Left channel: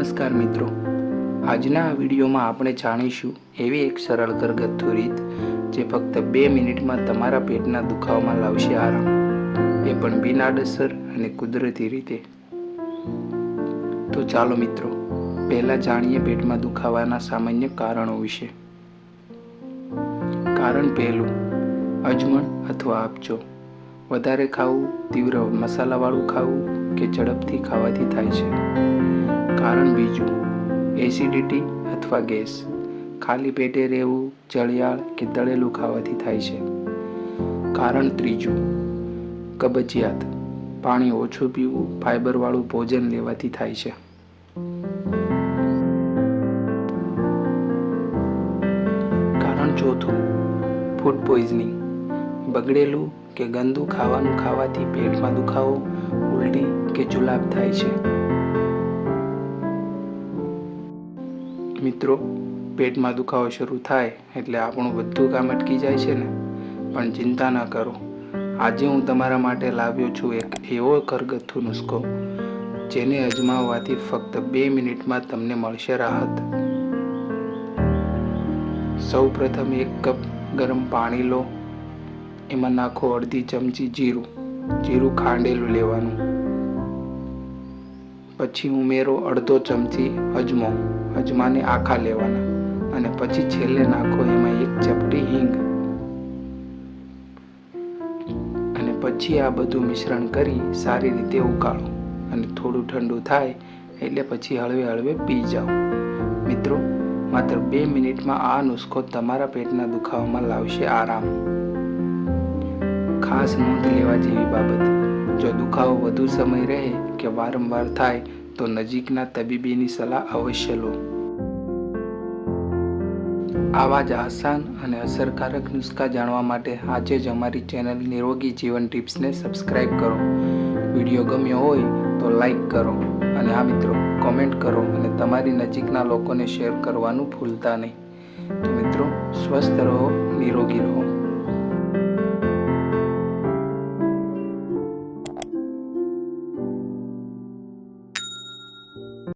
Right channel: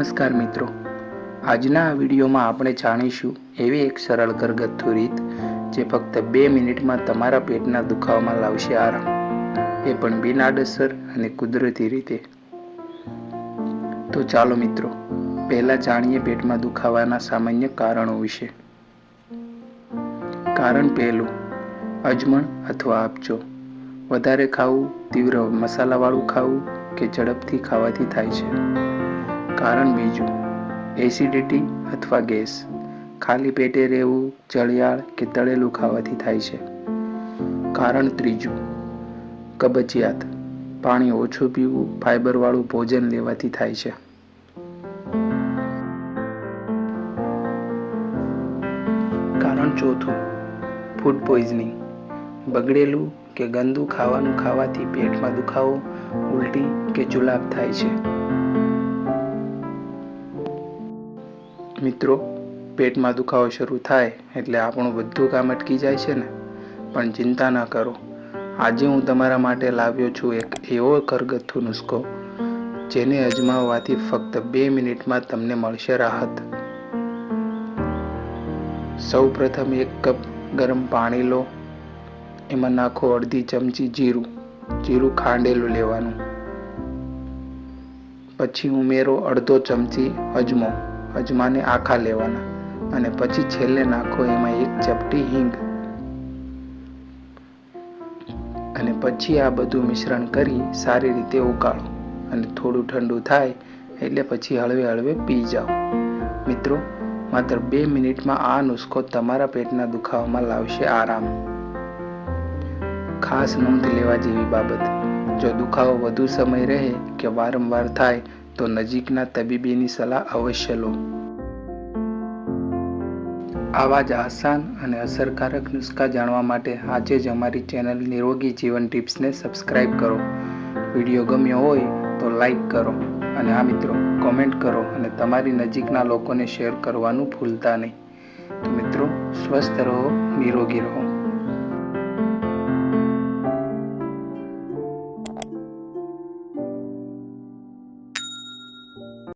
નમસ્કાર મિત્રો. આજના આ વિડીયોમાં આપણે જાણીશું એવી એક સરળ ઘરગથ્થુ રીત જે ફક્ત બે મિનિટમાં તમારા પેટના દુખાવામાં લાવશે આરામ. એ પણ બિનઆડસર અને કુદરતી રીતે. તો ચાલો મિત્રો, પહેલાં જાણીએ પેટમાં દુખાવાના સામાન્ય કારણો વિશે. કારણ પહેલું, અજમણ અથવા આપચો વધારે ખાવું, તીવ્ર મસાલાવાળું ખાવું કે ઝડપથી ખાવાથી થાય છે. કારણ બીજું, એસિડિટી અથવા ગેસ. ખાલી પેટે રહેવું ચળિયાળ કે તળેલું ખાવાથી થાય છે. કારણ ત્રીજું, કબજિયાત. પાણી ઓછું પીવું ફાઇબરવાળું ભોજન લેવાથી થાય છે. કારણ ચોથું ફૂડ પોઈઝનિંગ બગડેલું કે ગંદુ ખાવાનું ખાવાથી પેટમાં દુખાવો, ઉલટી કે જુલાબ થાય છે. મિત્રો, પેટમાં દુખાવો શરૂ થાય એટલે આપણું બધું કામ અટકી જાય છે ને? પણ ચિંતા ન કરો. આજે હું તમારા માટે લાવ્યો છું એક એવો ઘરગથ્થુ નુસ્ખો, જેને અજમાવવાથી ફક્ત બે મિનિટમાં તમને મળશે રાહત. સૌ પ્રથમ એક કપ ગરમ પાણી લો. એમાં નાખો અડધી ચમચી જીરું. જીરું ખાંડેલું લેવાનું. પછી ઉમેરો અડધો ચમચી અજમો. અજમાને આખા લેવાના અને પછી છેલ્લે નાખો એમાં એક ચપટી હિંગ. અને પછી આ બધું મિશ્રણ કરી સારી રીતે ઉકાળો અને થોડું ઠંડુ થાય એટલે પછી હળવે હળવે પી જાઓ. મિત્રો, માત્ર બે મિનિટમાં આ નુસ્ખો તમારા પેટના દુખાવામાં લાવશે આરામ. ખાસ નોંધ લેવા જેવી બાબત, જો દુખાવો વધુ સમય રહે કે વારંવાર થાય તો નજીકના તબીબીની સલાહ અવશ્ય લો. આવા જ આસાન અને અસરકારક નુસ્ખા જાણવા માટે આજે જ અમારી ચેનલ નિરોગી જીવન ટિપ્સને સબસ્ક્રાઈબ કરો. વીડિયો ગમ્યો હોય તો લાઈક કરો અને હા મિત્રો, કોમેન્ટ કરો અને તમારી નજીકના લોકોને શેર કરવાનું ભૂલતા નહીં. તો મિત્રો, સ્વસ્થ રહો, નિરોગી રહો.